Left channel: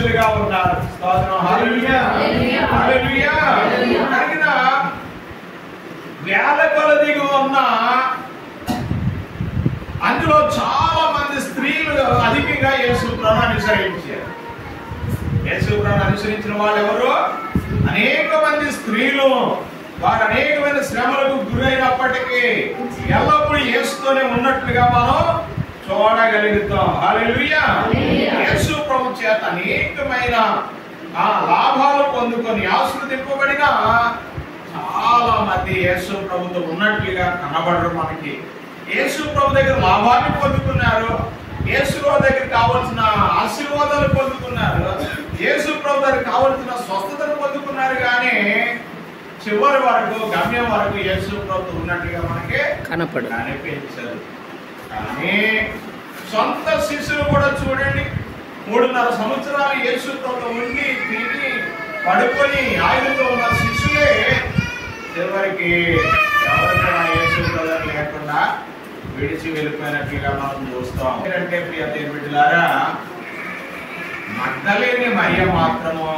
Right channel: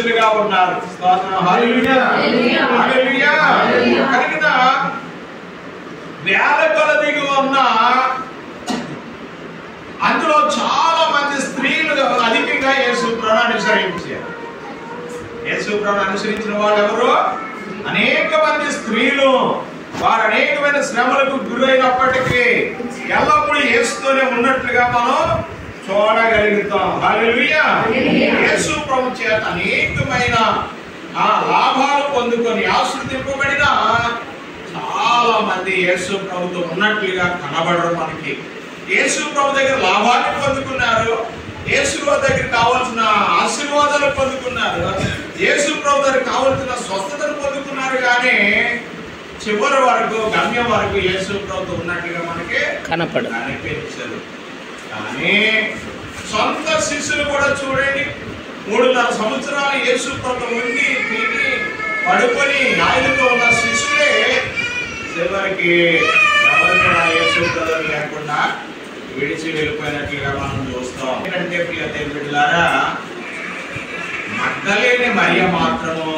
శిష్యులుగా ఉన్నారు. హల్లెలూయా హల్లెలూయా. కనుక వేల కొలదిగా ఉన్న అందులో చాలా మంది స్త్రీలు అధికంగా యేసు ప్రభువును అనుసరించారు. యేసు ప్రభువును అనుసరించిన వాళ్ళు ఎవరు? అనేక మంది స్త్రీలు. వారు అనేకమైన శ్రమలకు గురైనప్పటికీ ఎల్లప్పుడూ యేసుతోనే ఉన్నట్లుగా మనం చూడగలుగుతాం. హల్లెలూయా. యేసు ప్రభు చేత అనేకమైన లాభాలు పొందుకొని ఆశీర్వదింపబడిన చాలా మంది యేసు ప్రభుతో ఉన్నట్లుగా కనబడరు మనకి. యేసు ప్రభు దగ్గర లాభాన్ని పొందుకున్నారు, యేసు దగ్గర కావాల్సిన ఆశీర్వాదాలు పొందుకున్నారు, యేసు ప్రభు దగ్గర కావాల్సిన స్వస్థతను పొందుకున్నారు. కానీ చివరి వరకు గమ్యం వరకు యేసు ప్రభుతో ఉన్నట్లుగా మనకి కనిపించదు. కానీ సొంత శిష్యులు కూడా చూడండి, 3.5 సంవత్సరాలు యేసు ప్రభుతో ఉండి తిని పడుకొని ఆయనతో ఉన్న శిష్యులే చివరికి ఎవరు కూడా యేసు ప్రభు లేకుండా విడిచి వెళ్ళిపోయినట్లుగా మనం చూస్తాం. ఏంటంటే ప్రియ దేవుని బిడ్డలారా, మగ్దలేని మరియ మాత్రము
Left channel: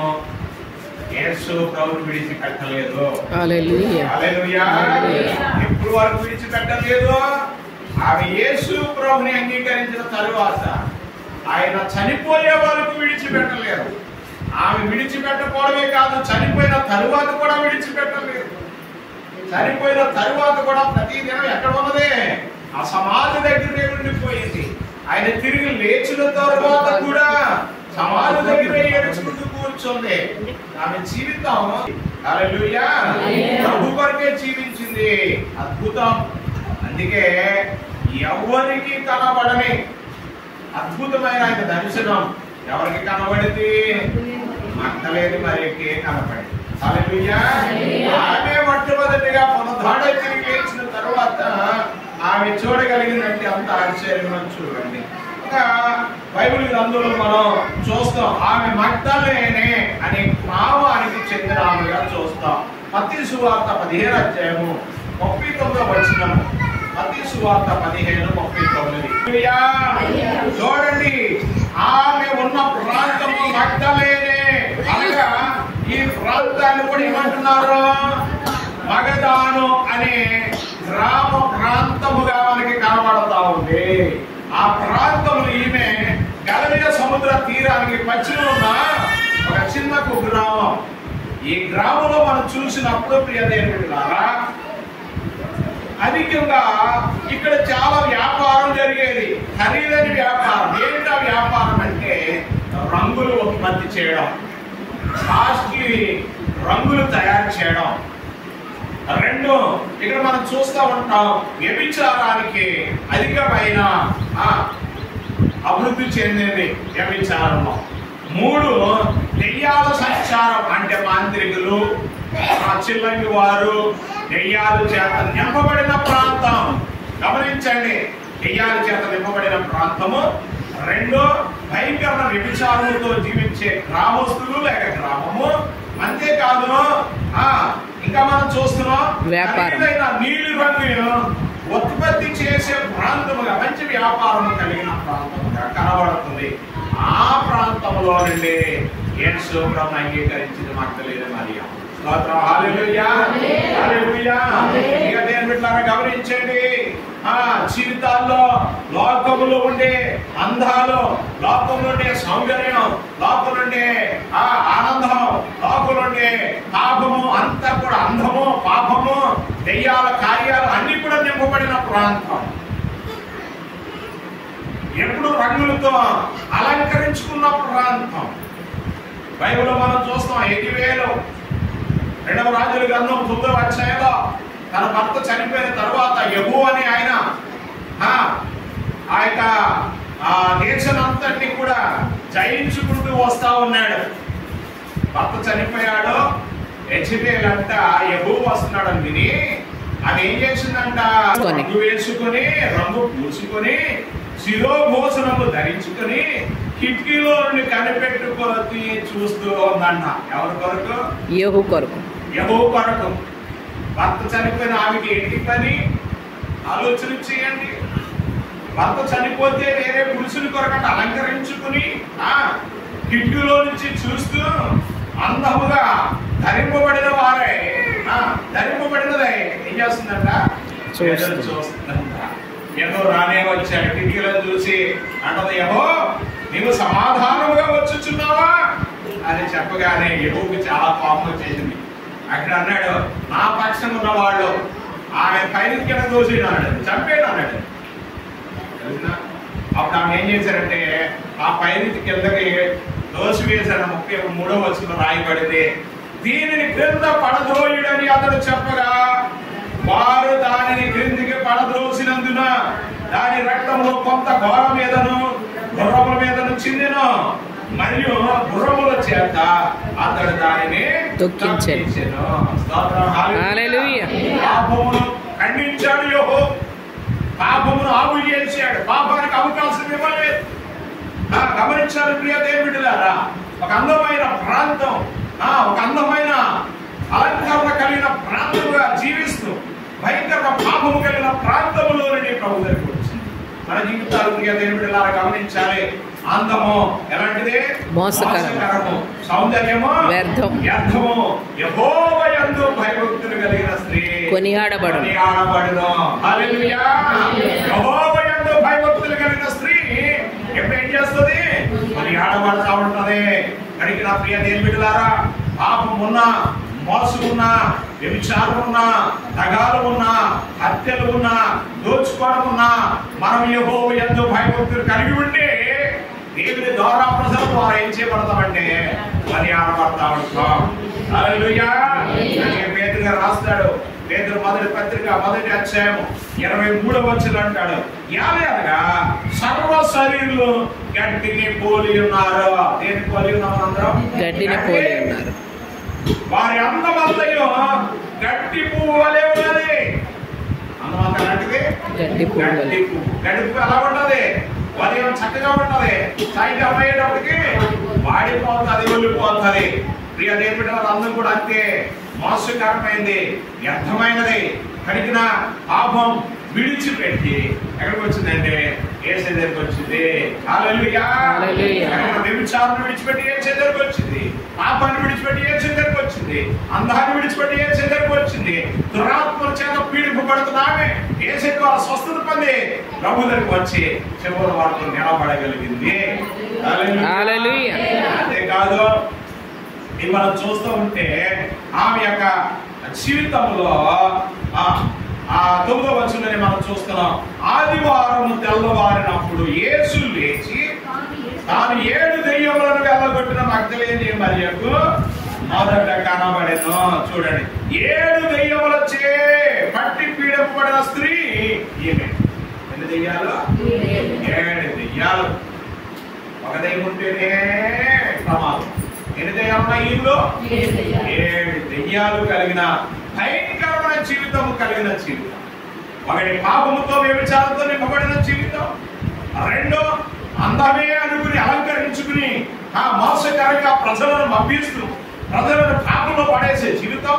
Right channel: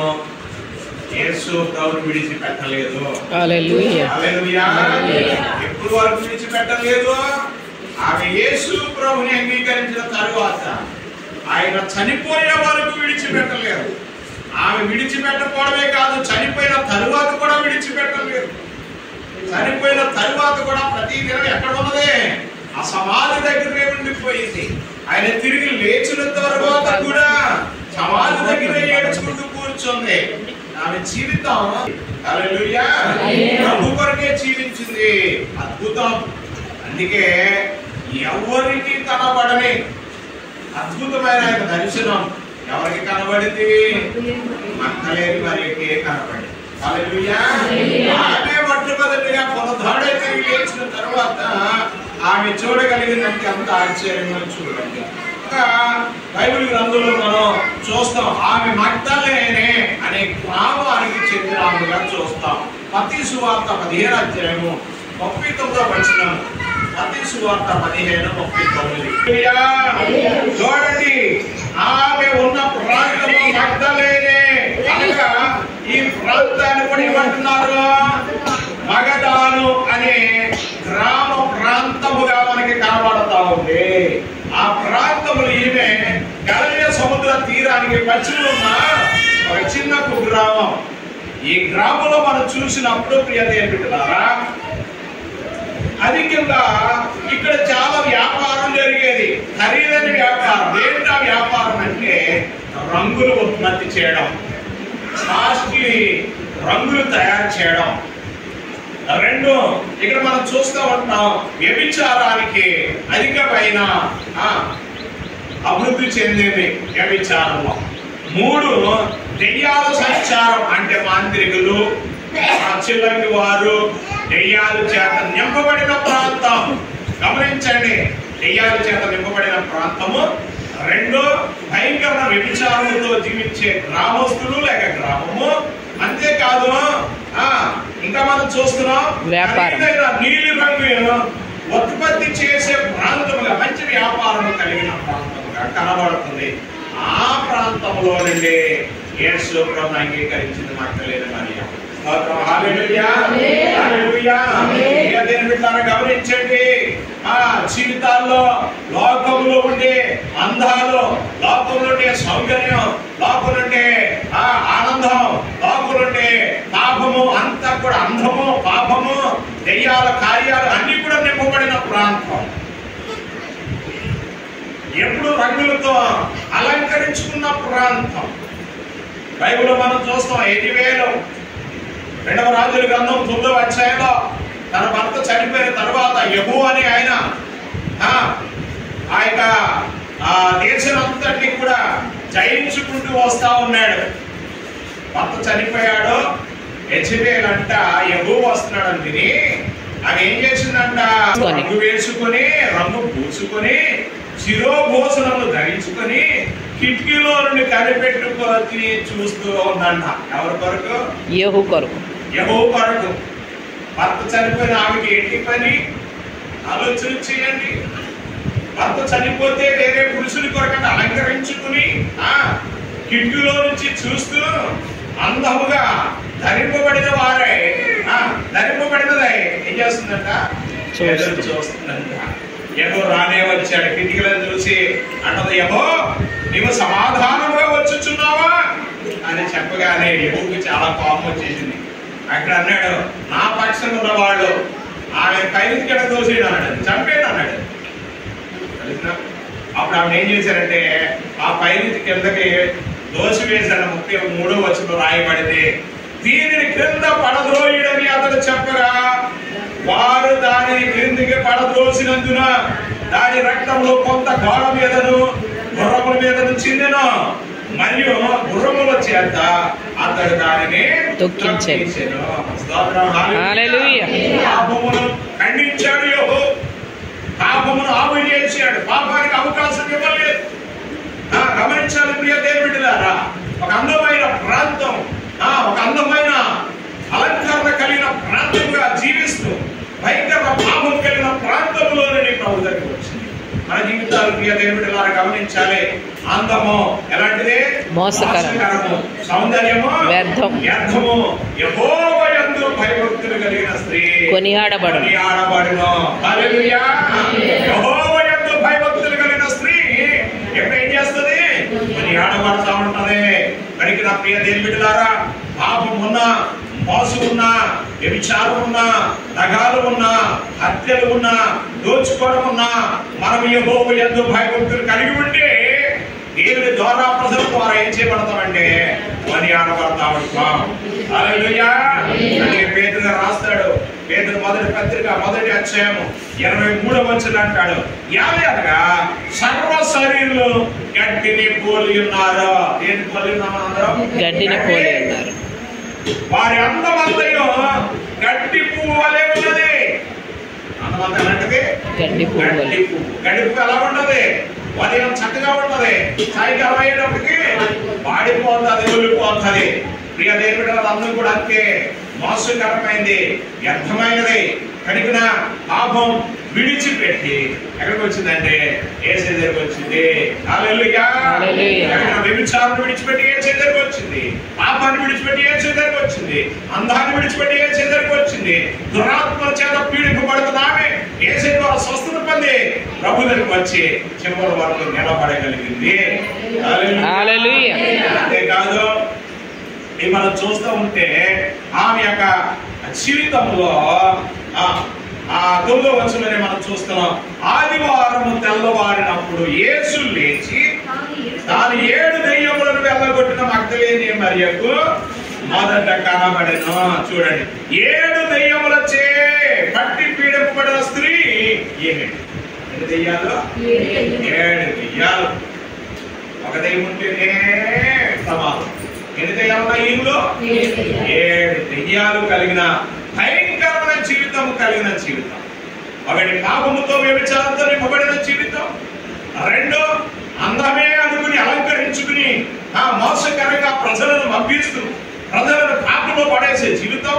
యేసు ప్రభువును విడిచిపెట్టలేదు. హల్లెలూయా హల్లెలూయా. ఎప్పుడు వరకు విడిచిపెట్టలేదు? ఆమె యేసు ప్రభువుని అంగీకరించిన తరువాత ఆయన చనిపోయే వరకు విడిచిపెట్టలేదు. ఆమె విడిచిపెట్టకపోవడమే కాదు, చనిపోయిన తరువాత కూడా విడిచిపెట్టలేదు. చనిపోయిన తరువాత కూడా ప్రతి దినం ఎక్కడ ఉన్నదే? ఆ సమాధి దగ్గరే ఉండిపోయింది. ఆయన తిరిగి లేచిన తరువాత కూడా సమాధి దగ్గరే ఏడ్చుకుంటూ కూర్చుంది. ఆమె జీవితం హల్లెలూయా ప్రభు కొరకే జీవించింది. అద్భుతం. అందుకే ఎవరికి కనబడని అద్భుతమైన ఆయన దర్శనం ఎవరికి కనబడింది? మగ్దలేని మరియకే కనబడింది. హల్లెలూయా. ఆమె మొట్టమొదటిగా పునరుద్ధరణ తిరిగి లేచిన తర్వాత ఆమె చూడగలిగిందంటే అంత ఆశ్చర్యం. చూడండి, బైబిల్ గ్రంథంలో మనం చూస్తాం, ఆమె మగ్దలేనే అనే గ్రామానికి చెందిన ఆమెగా చూస్తాం. మత్తయి సువార్త 15వ అధ్యాయము 39వ వచనం. మత్తయి సువార్త 15:39. చూడండి, ఆమె ఉన్న ప్రాంతము మగ్దలేనే. అనగా ఈ ప్రాంతాన్ని కూడా ఏమంటున్నారు? మగదాను అనే గ్రామ ప్రాంతముగా మనకి కనబడతా ఉంది. ఆ ప్రాంతములు ఈమె గలిలయ సముద్ర తీరానికి పశ్చిమ ఉన్న ఒక చిన్న గ్రామం. ఈ గ్రామంలో మనం చూసినప్పుడు ప్రియ దేవుని బిడ్డలారా, అధికంగా ఇక్కడ చాలా వ్యాపారం జరిగేది, ఖరీదైన వ్యాపారం. ఏంటా వ్యాపారం అంటే రంగులు ఉత్పత్తి చేయడం, కాస్ట్లీ రంగులు తయారు చేయడం. 2, ఇక్కడ మనం చూస్తూ ఉంటాం, వ్యభిచారానికి అధికమైన అభివృద్ధి చెందింది వ్యభిచారంలో. 3, దెయ్యాల సంచారం అంటే మాంత్రికులు, చిల్లంగి వారు, దెయ్యాల చేత నింపబడిన ప్రాంతం. గమనించండి, దెయ్యాల చేత నింపబడిన ప్రాంతము. 2, భయంకర వ్యభిచారముతో జీవించే గ్రామస్తులు లేక గ్రామము. అంతేకాదు ఇంకా మనం చూస్తున్నాం వ్యాపారం, నీలి రంగు ఉత్పత్తి చేసే ప్రాంతముగా, మంచి వ్యాపారం కలిగిన ప్రాంతముగా కనబడుతుంది. ఆ ప్రాంతంలో నుండి యేసు ప్రభువును అంగీకరించింది మగ్దలేని మరియ. హల్లెలూయా హల్లెలూయా. దేవుని బిడ్డలారా, గమనించండి, జీవితాల్లో లోకములో ఉండే అందాలు, లోకంలో ఉండే సౌందర్యం, లోకం నుండే ఆనందం, లోకం నుండే పాపము అంతా కూడా, అంధము, పాపము, దెయ్యాల కార్యాలు అన్ని కూడా నింపబడిన ప్రాంతం. ఎప్పుడు రంగులతో అలంకరించుకున్న ప్రాంతం. బైబిల్లో మనం చూస్తాం, 2వ రాజుల గ్రంథం 9వ అధ్యాయంలో తన భర్త చనిపోయిన తర్వాత యెహూ అని ఆయన ఆ యొక్క దేశానంతటిని కూడా జయించుకుంటూ వస్తా ఉన్నాడు. భర్త చనిపోయాడు, యెజబెల్ అంట యెహూ వస్తున్నాడని విని ఆమె ఏం చేసిందంట, రంగు వేసుకొని, రంగు పూసుకొని, శిరోభూషణములు ధరించుకొని కిటికీలో నుండి కనిపెట్టుకొని చూస్తూ ఉందంట. ఎవరి కొరకు? యెహూ కొరకు. యెహూ కొరకు. భర్త చనిపోయిన ఆమెకి ఏంటి పని? ఆలోచన చేయండి. భర్త చనిపోతే వేరే పురుషుని కొరకంటే అలంకరించుకుని కిటికీలో నుంచి చూస్తూ అందముగా ధరింపబడిన వారే ధరింపబడినదై ఏం చేస్తుందంట? చూస్తుందంట. ఏదో రానే వచ్చాడు, కిటికీలను చూసి అంటది, యెహో నీవు సమాధానముగా వచ్చుచున్నావా అని చెప్పగానే యెహోకు చాలా కోపం వచ్చేసింది. అక్కడ అన్నాడు, నా పక్షంగా ఉన్నవాళ్ళు ఆమె పైకి కింద దోసి అన్నాడు, చంపేడు అన్నాడు. అప్పుడు ఆమె ఏం చేశారంటే ఆ పైకి కిందకి దోసి వేసిన 33వ వచనంలో రాయబడింది, దీనిని క్రింద పడద్రోయుడని అతడు చెప్పగా వారు దానిని క్రిందికి పడద్రోసినందున దాని రక్తంలో కొంత గోడ మీదను గుర్రముల మీదను చిందెను, మరియు గుర్రముల చేత అతడు దానిని తొక్కించెను. స్తోత్రం, హల్లెలూయా. పాపమును ఖండించాడు యెహోవా, పాపమును ఆపివేశాడు, పాపానికి అవకాశం ఇవ్వలేదు. గమనించాలి ప్రియ దేవుని బిడ్డలారా, ఒక అందమైన ప్రాంతం, ఒక అందమైన అలంకరణ కలిగిన ప్రాంతంగా జీవిస్తూ భయంకర పాపము కలిగిన ప్రాంతంలోనే ప్రభు దగ్గరికి వచ్చింది. మన జీవితాలు ప్రియ దేవుని బిడ్డలారా గమనించాలి. అందము ఎలాంటిది? మోసకరము. సౌందర్యము వ్యర్థము. యెహోవా యందు భయభక్తులు కలిగిన స్త్రీ కొనియాడబడును. హల్లెలూయా. యెహోవా యందు భయభక్తులు కలిగిన స్త్రీ ఎప్పుడు ఏం చేస్తుంది? కొనియాడబడతా ఉంటది. కనుక నా ప్రియ దేవుని బిడ్డలారా, పాపం ఉన్నా, మోసం ఉన్నా, వ్యభిచారం ఉన్నా, దగాలు ఉన్నా, హత్యలు ఉన్నా, దోచుకోవడం ఉన్నా, మనం యెహోవా యందు భయభక్తులు కలిగి ఉంటే దేవుని ద్వారా ప్రజల ద్వారా ఏం చేయబడతామంటే కొనియాడబడతా ఉంటాం. హల్లెలూయా. పేతురు గారు రాస్తాడు, పేతురు మొదటి పత్రిక 1వ అధ్యాయము 23వ వచనం అంటాడు, అనగా సర్వ శరీరులు గడ్డిని పోలి ఉన్నారు. ఏది పోలి ఉన్నారు? అందరం గడ్డిని పోలి ఉన్నారు. వారి అందమంతయు గడ్డి పువ్వు వలె ఉన్నది. అందమంత అంటే గడ్డి పువ్వు. గడ్డి పువ్వు ఎలా ఉన్నది? ఉదయం చక్కగా ఉంటది, సాయంకాలం అయ్యేటప్పటికి వాడిపోతుంది, ఒలిపోతుంది. ప్రియ దేవుని బిడ్డల అందం కూడా అంతే మోసకరమైంది, వ్యర్థమైనది. కనుక పాపం విడిచిపెట్టి ఎక్కడికి వచ్చిందంటే యేసు దగ్గరికి వచ్చింది. హల్లెలూయా. వ్యభిచారం విడిచిపెట్టి యేసు దగ్గరికి వచ్చింది, పాపాన్ని విడిచిపెట్టి యేసు దగ్గరికి వచ్చింది, అందాన్ని విడిచిపెట్టి యేసు దగ్గరికి వచ్చింది, దురాత్మల చేత పీడింపబడుతున్నామే యేసు ద్వారా స్వస్థత పొంది ప్రభు దగ్గరికి వచ్చి చివరి వరకు నిలబడగలిగింది. హల్లెలూయా. అంతేకాదు మనం చూస్తూ ఉంటే ఆమె యొక్క జీవితంలో 9వ వచనంలోనే మనం చూస్తున్నాం, ఆదివారం తెల్లవారినప్పుడు యేసు లేచి తాను 7 దెయ్యములను వెళ్ళగొట్టిన మగ్దలేని మరియకు మొదట కనబడెను. చూడండి, 7 దెయ్యములచే పట్టి పీడింపబడిన స్త్రీ ఈమె. ఎన్ని దెయ్యాలు? 7 దెయ్యాలు. ఒక దెయ్యం ఉంటేనే సమాధం. ఎన్ని దెయ్యాలు ఉన్నాయి ఈలో? 7 దెయ్యాలు కలిగిన భయంకరమైన జీవితం కలిగిన జీవితం. ఒకటి పాపముతో వ్యభిచారంతో నింపబడిన జీవితం, 2 అందమే అనుకుని అలంకరించుకుని మోసకరంగా ప్రజలను మభ్యిస్తూ ప్రజలను పాపంలో పడేసే జీవితం,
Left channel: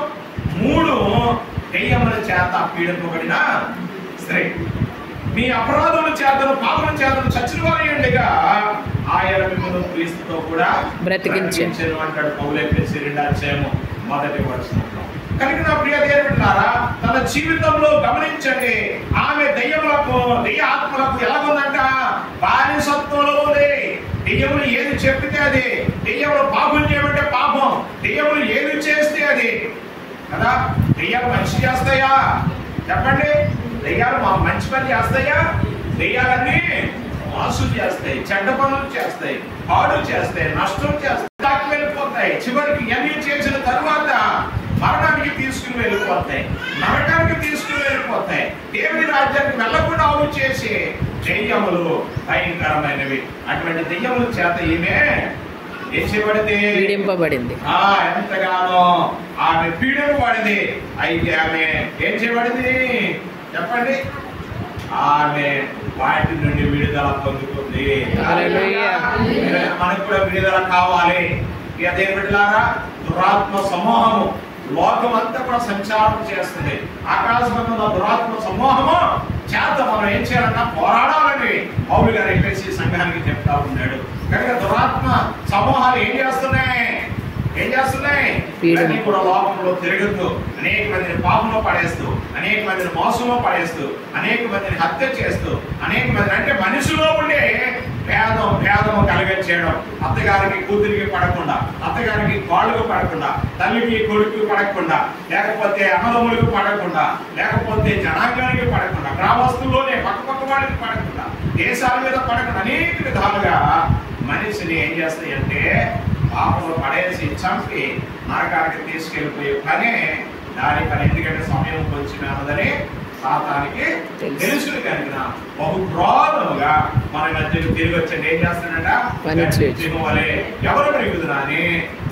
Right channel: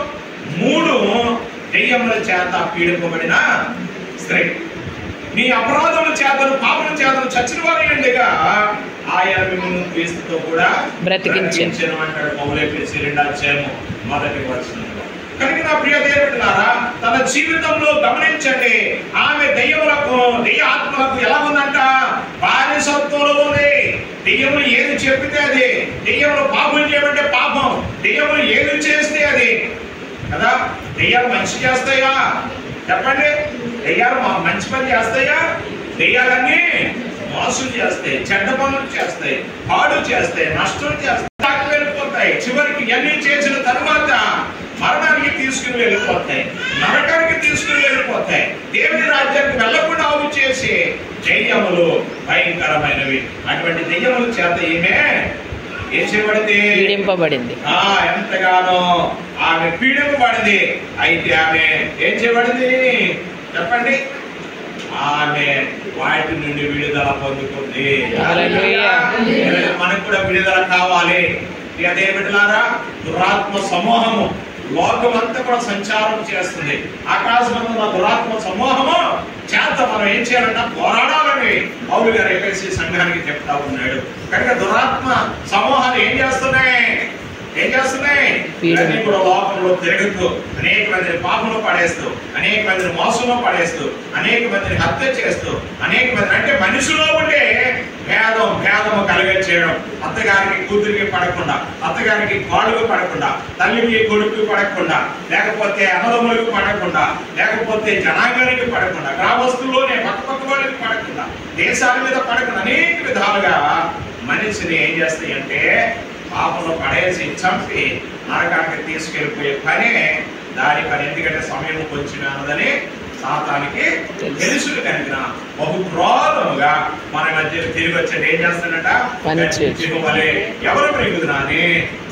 3 దెయ్యముల చేత పీడింపబడిన స్త్రీ. మీ అపరాధముల చేతను పాపముల చేతను చచ్చిన వారిగా ఆయన మిమ్మల్ని క్రీస్తుతో కూడా బ్రతికించెను అంటాడు పౌలు. ఎఫెసీ 2వ అధ్యాయము 1వ వచనంలో. కనుక నా ప్రియ దేవుని బిడ్డలారా, తన జీవితంలో గమనించండి, ఆమె దెయ్యములకు, దెయ్య ఆత్మలకు ఎలా ఉందంట? బానిసత్వంలో ఉంది. దెయ్యములు ఏది చెప్పితే అది, దెయ్యములు పాపం చేయమంటే పాపం, దెయ్యములు ఏది చేస్తే అది కదా. దెయ్యాలు మంచి చేస్తాయా? చెప్పండి. దెయ్యాలు మంచి పని చేస్తాయా? దెయ్యాలన్నీ మోసం చేస్తాయి, చెడ్డ పనులు చేస్తాయి, పాడు చేస్తాయి, నష్టం చేస్తాయి, వెళ్ళిపోతాయి. చివరికి ఎన్ని చేసిన తరువాత మరణానికి తీసుకుని వెళ్ళిపోతాయి, నరకానికి తీసుకుని వెళ్ళిపోతాయి. దేవుని రాజ్యానికి వెళ్ళకుండా ఆవు చేసే దెయ్యములు భయంకరమైనవి. అటువంటి దెయ్యముల చేత ఈమె ఏం చేయబడింది? పీడింపబడింది. ఎంతగానో ఆమె పీడింపబడింది. అయితే ఆమె ఏం చేయబడింది చెప్పండి? ఆమె వాటి నుండి విడుదల పొందుకుంది. మనకు కూడా విడుదల కావాలి. అదే బిడ్డలారా, దురాత్మ సమూహము లోకమంతా కూడా సంచారం చేస్తుంది. ఆకాశమందున్న దురాత్మ సమూహము చేత మనం ఏం చేయాలన్నా పోరాడాలని పౌలు గారు ఎఫెసీ సంఘానికి చెప్తా ఉన్నాడు. కనుక దురాత్మ సమూహాలు ఏం చేస్తున్నాయి ఇవన్నీ కూడా లోకంలో తిరుగుతూ అనేక మందిని పాపంలో పడేస్తూ, అనేక మందిని మోసంలో పడేస్తూ, అనేక మందిని హత్య చేస్తూ, అనేక మంది అంటే మనిషిలో ఉండే భేదము కలిగించేయడం, అత్తగారికి కూతురికి పడకుండా, అత్తగారికి కాళ్ళకు పడకుండా, తల్లికి కొడుకు పడకుండా, లేకపోతే అన్నదమ్ములకు పడకుండా, లేకపోతే జనాంగానికి పడకుండా, గ్రామస్తుల్లోనే పక్క వాళ్ళకి పడకుండా, దేశాల మీద పడకుండా అనేక విధాలుగా మనిషిని ఏం చేస్తాయంటే పాపంలో పడేసి చంపి నరకానికి తీసుకెళ్ళిపోయే పనే దాని పని. ఎందుకంటే సమయం కొంచెం అన్నదని సాతానికి తెలుసులు కనుక బహుక్రోధముగా మన మధ్య తిరిగి వచ్చేది ఏం చేస్తాడట, వలే ఎవరు పెరుగుతున్నా అని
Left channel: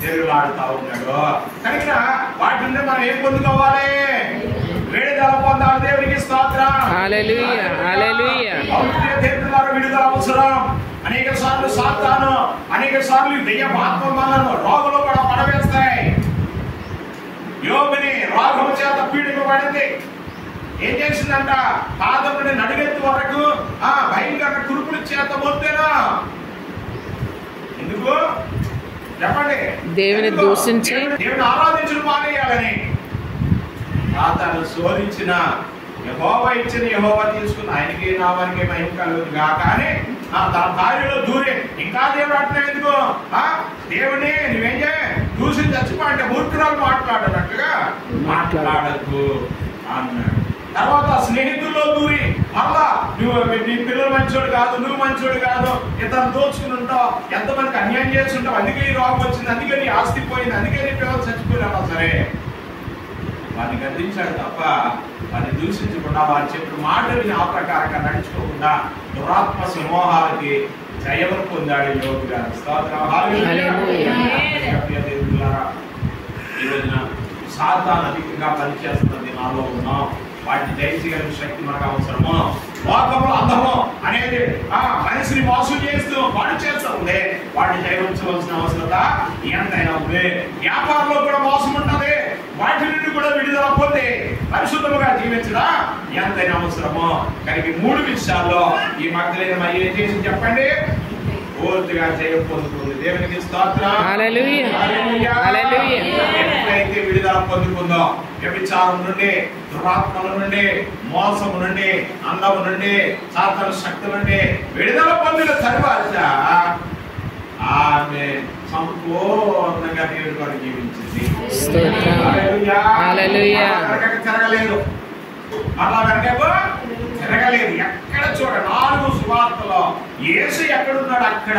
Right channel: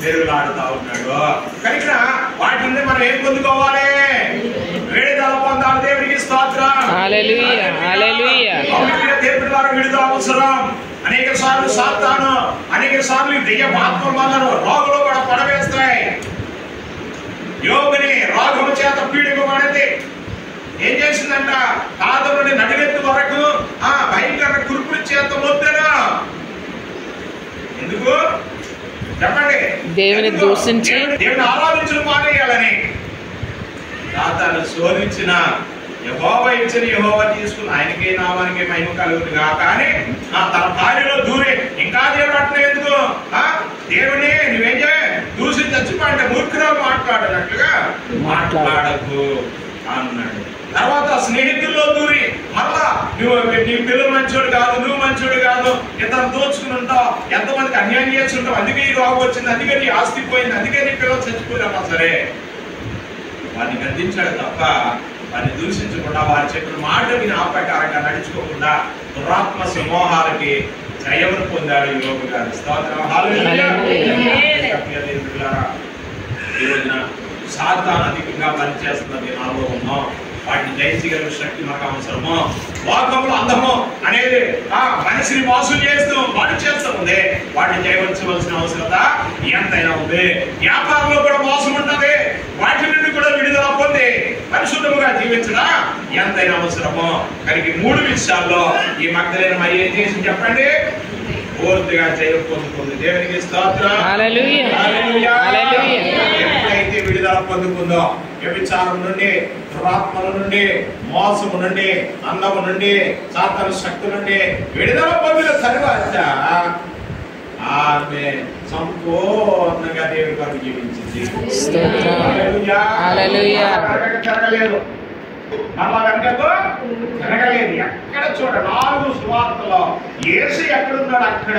తిరుగులాడుతా ఉన్నాడు. కనుక వాటి నుండి మనం ఏం పొందుకోవాలి? విడుదల పొందాలి. దేవుడికి స్తోత్రం. హల్లెలూయా, హల్లెలూయా. దేవుడి ద్వారా విడుదల అవసరం. అనేక సార్లు సాతాను, అనేక సార్లు దెయ్యమాత్మలు మనను రోగులు కూడా పడవేస్తాయి. యోగుని రోగము చేత పీడిపబడింది. ఏం చేసిందంట? పాదం నుండి నడిగెత్తు వరకు భయంకర కురుపుల చేత మొత్తేనా. ఎందుకు చెప్పండి? దేవుని దూషించి దేవుని ఆరాధించడం మానేయాలని. సాతాను శోధించిన యెహోవా ఇచ్చిన యెహోవా తీసుకుని ఆయనకే నామానికి మహిమ కలుగుతుంది కానీ తన భార్యలో దూరే ఇంకా దేవుడు అంటున్నావు ఎందుకు? దేవుని నువ్వేం చేయ దూసి చచ్చిపోంటే మూర్ఖురాలు మాట్లాడనట్లుగా మాట్లాడకు అన్నాడు. తర్వాత స్నేహితుల్లో దూరి మరలా నువ్వు నీ పిల్లలు మంచోడు కాదు, నువ్వు మంచోడు కాదు, ఇతను దోచుకుని ఉంటావు, ఎంతమందికి అన్యాయం చేసి ఉంటావు, అందుకే ఈ రోగం వచ్చింది, అందుకే నీ ఆస్తి పోయింది, అందుకే నీ పిల్లలు చచ్చిపోయినా సరే వారిని గద్దించాడు తప్ప వారిని దూషించకుండా, వారి చెప్పిన మాట విని ఆ ప్రకారంగా నడుచుకోకుండా దురాత్మ సమూహాలకి జయమును పొందాడు యోగు గారు. స్తోత్రం. హల్లెలూయా. ఈ రోజున సాతాను అధికంగా పనిచేస్తున్న దినాల్లో ఉన్నాం. వాటిని జయించగలిగిన శక్తి మనకు అవసరము. లోకంలో అందము అనేది మనిషిని మోసం చేస్తూ వాటి చేస్తూ ఉంది. వాటిని జయించవలసిన అవసరత ఎంతైనా ఉంది. వ్యాపారంలో కూడా మోసం ఉంటుంది. వాటి నుండి కూడా విడుదల పొంది పరిశుద్ధముగా జీవించడం ఎంతైనా అవసరము. కనుక ఈ 3 విషయాల్లో ఈ మగ్ధలేని మరి ఏం చేసి చెప్పండి? పూర్తిగా జయం పొందుకుంది. దేవునికి స్తోత్రం. హల్లెలూయా, హల్లెలూయా. ఎప్పుడైతే విడుదల పొందుకుందో వ్యభిచారం నుండి, దురాత్మల నుండి, మోసము నుండి, అందము నుండి, సాతాను శక్తి నుండి విడుదల పొందిన తరువాత ఆమె సంపూర్ణంగా దేవుని కొరకు జీవించింది. జరగలేదు అలా వెనకకు జరగలేదు. ఎక్కడ చూడ 4 సువార్తలో యేసు ఎక్కడున్నాడు అక్కడ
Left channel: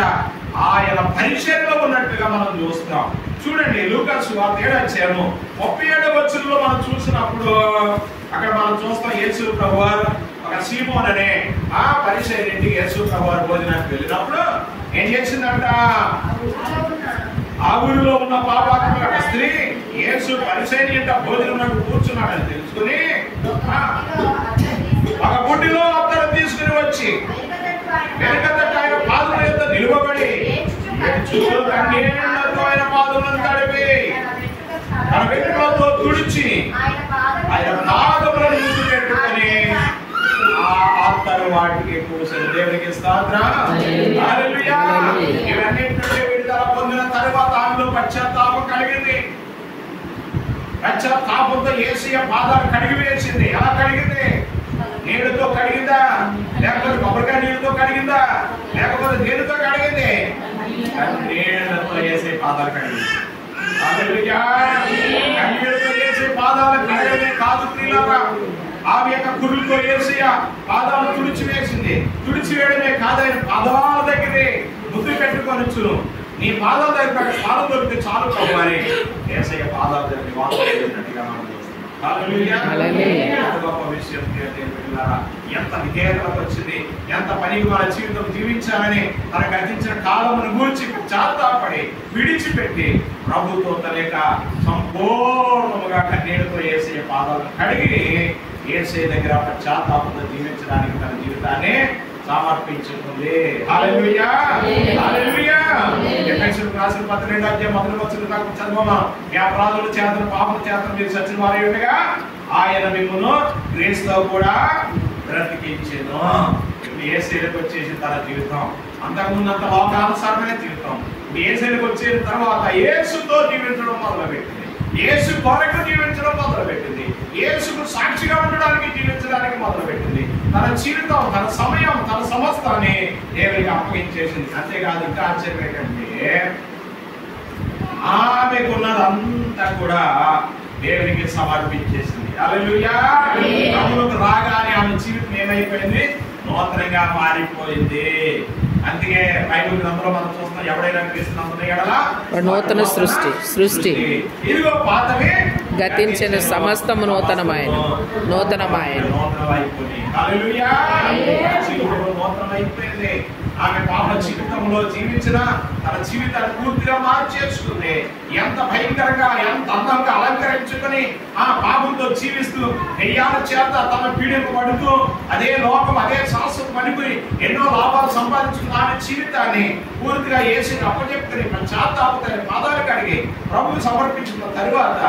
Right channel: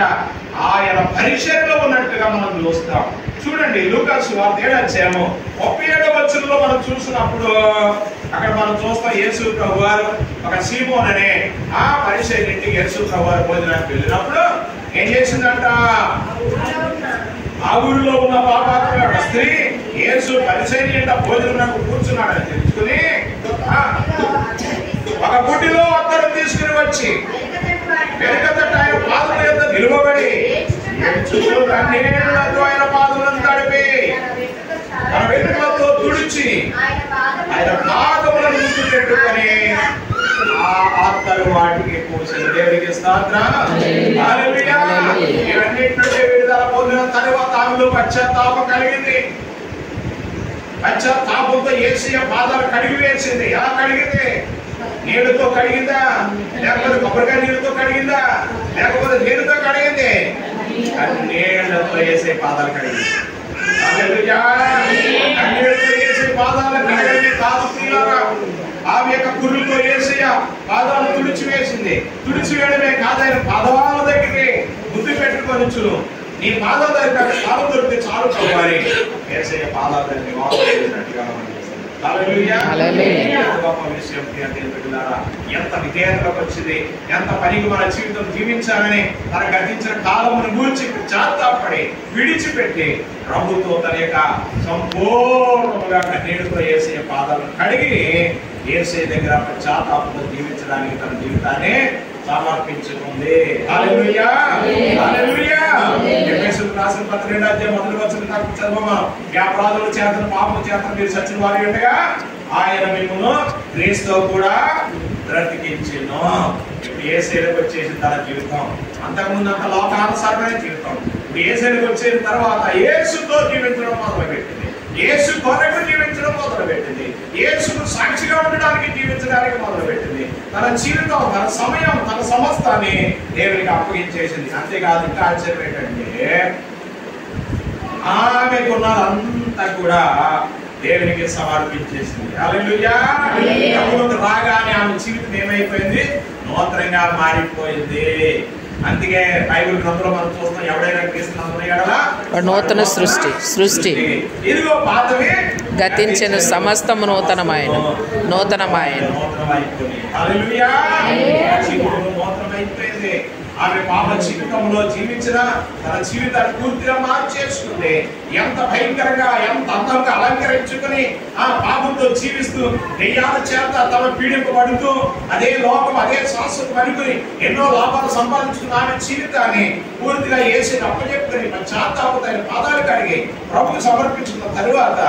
ఆయన పరిచర్యలో ఉన్నట్టుగా మనం చూస్తాం. చూడండి లూకా సువార్త 7వ అధ్యాయము 37వ వచనంలో మనం చూసినప్పుడు అక్కడ మనం చూస్తాం యేసు ప్రభువారు ఒక సీమోన్ అనే పరిచర్య ఇంటికి యేసు ప్రభువారు భోజనానికి వెళ్ళినప్పుడు ఏం చేసిందంట? ఆ ఊరిలో ఉన్న పాపాత్మ స్త్రీ యేసు పరిచర్య భోజనం కూర్చున్నాడని తెలుసుకుని ఒక గుడ్డిలో అత్తరు తీసుకుని వచ్చి వెనుకతట ఆయన పాదముల యొద్ద నిలువబడి కన్నీళ్లతో ఆయన పాదములను తడిపి తన వెనుకలతో తుడిచి ఆయన పాదములను ముద్దు పెట్టుకొని ఆ అత్తరు వాటికి పూసిన. దేవుడికి స్తోత్రం. హల్లెలూయా. ఇవన్నిటి నుండి విడుదల పొందిన తరువాత ఆమెలో పశ్చాత్తాపం కలిగింది. పశ్చాత్తాపంతో యేసయ్య పాదాలు కడిగి వేసింది. ఎలా కడిగింది? నీళ్ళతో కడిగిందా? లేకపోతే కొబ్బరికాయ నీళ్ళతో కడిగిందా? లేకపోతే నీళ్ళతో కడిగింది? నీళ్ళతో యేసయ్య పాదాలు కడిగింది. హల్లెలూయా. నీళ్ళతో యేసయ్య పాదాలు కడిగి కాదు తీలారా ఆమె యొక్క కురులతో యేసయ్య పాదాలు తుడిచి వేసింది. తుడిచి వేయడమే కాదు ఆయన పాదాల దగ్గరే ముద్దు పెట్టుకొనొచ్చు. నీ పాదాల దగ్గర స్థానం దొరికితే చాలు కావాలి. యేసయ్య పాదాల దగ్గర వాక్యం చేసినట్టుగా మనం చూస్తాం. హల్లెలూయా. గొప్ప విషయం బిడ్డలారా. ఎంత విధేయతలకు వచ్చింది, ఎంత పనికి మన జీవితం జీవించాలని తన గతించిన కాలమును గూర్చి పశ్చాత్తాపడి విడిచిపెట్టి ప్రభుతో తన యొక్క సంపూర్ణముగా కన్నీటితో యేసయ్య పాదాలను కడిగి యేసయ్య దగ్గర పశ్చాత్తాపంతో జీవించడానికి తన జీవితాన్ని సమర్పించుకుంది. హల్లెలూయా, హల్లెలూయా. ఎఫెసీయులకు రాసిన పత్రిక 2వ అధ్యాయం 1వ వచనం నాకు చదవమా. ఈ అపరాధముల చేతను పాపముల చేతను మీరు చచ్చిన వారై ఉండగా ఆయన మిమ్మును క్రీస్తుతో కూడా బ్రతికించెను. ఇప్పుడు యేసయ్యకు వచ్చేసిన తన జీవితం అంతకుముందు అంత లోకానుసారమైన జీవితం. ఇప్పుడు యేసయ్యకు వచ్చేసిన తర్వాత యేసుతో జీవించడం మొదలుపెట్టింది. యేసు కొరకు జీవించడం మొదలుపెట్టింది. యేసుకు సాక్షిగా ఉండడానికి జీవించడానికి మొదలుపెట్టింది. తన జీవితం, తన సమయం, తన సమస్తాన్ని దేవునికి అప్పగించేసింది. అంతేకాదు, ఇంకా ఆశ్చర్యం ఏంటంటే ఆమెకున్నదంతా కూడా దేవునికి సమర్పించేసింది. హల్లెలూయా. ప్రభువుకు రాగానే ఆమె జీవితం ఏమైపోయింది? నూతనంగా మారిపోయింది. అందుకే బైబిల్ గ్రంథంలో మనం చూస్తాం, ఎవడైనా క్రీస్తునందున ఎడల నూతన సృష్టి ఇదిగో పాతవి గతించిన సమస్తము నూతనమైన నూతనమైపోయింది. హల్లెలూయా. జీవితం నూతనమైపోయింది. ఆమె పాప జీవితంలో జీవించిన తన జీవితాన్ని పూర్తిగా మార్చేసుకుంది. ఎంత భయంకరంగా, ఎంత అందంగా అలంకరించుకుని ఆ పాపంతో జీవిస్తూ దెయ్యాల చేత తన పీడింపబడుతూ అదే లోకం, అదే శాశ్వతం అనుకుని ఎన్నో లాభాలు సంపాదించుకున్న ఆమె జీవితాన్ని పూర్తిగా యేసుకి అప్పచెప్పుకుని పశ్చాత్తాపం పాదాలు కడిగి ప్రభువుకు సమర్పించిన తరువాత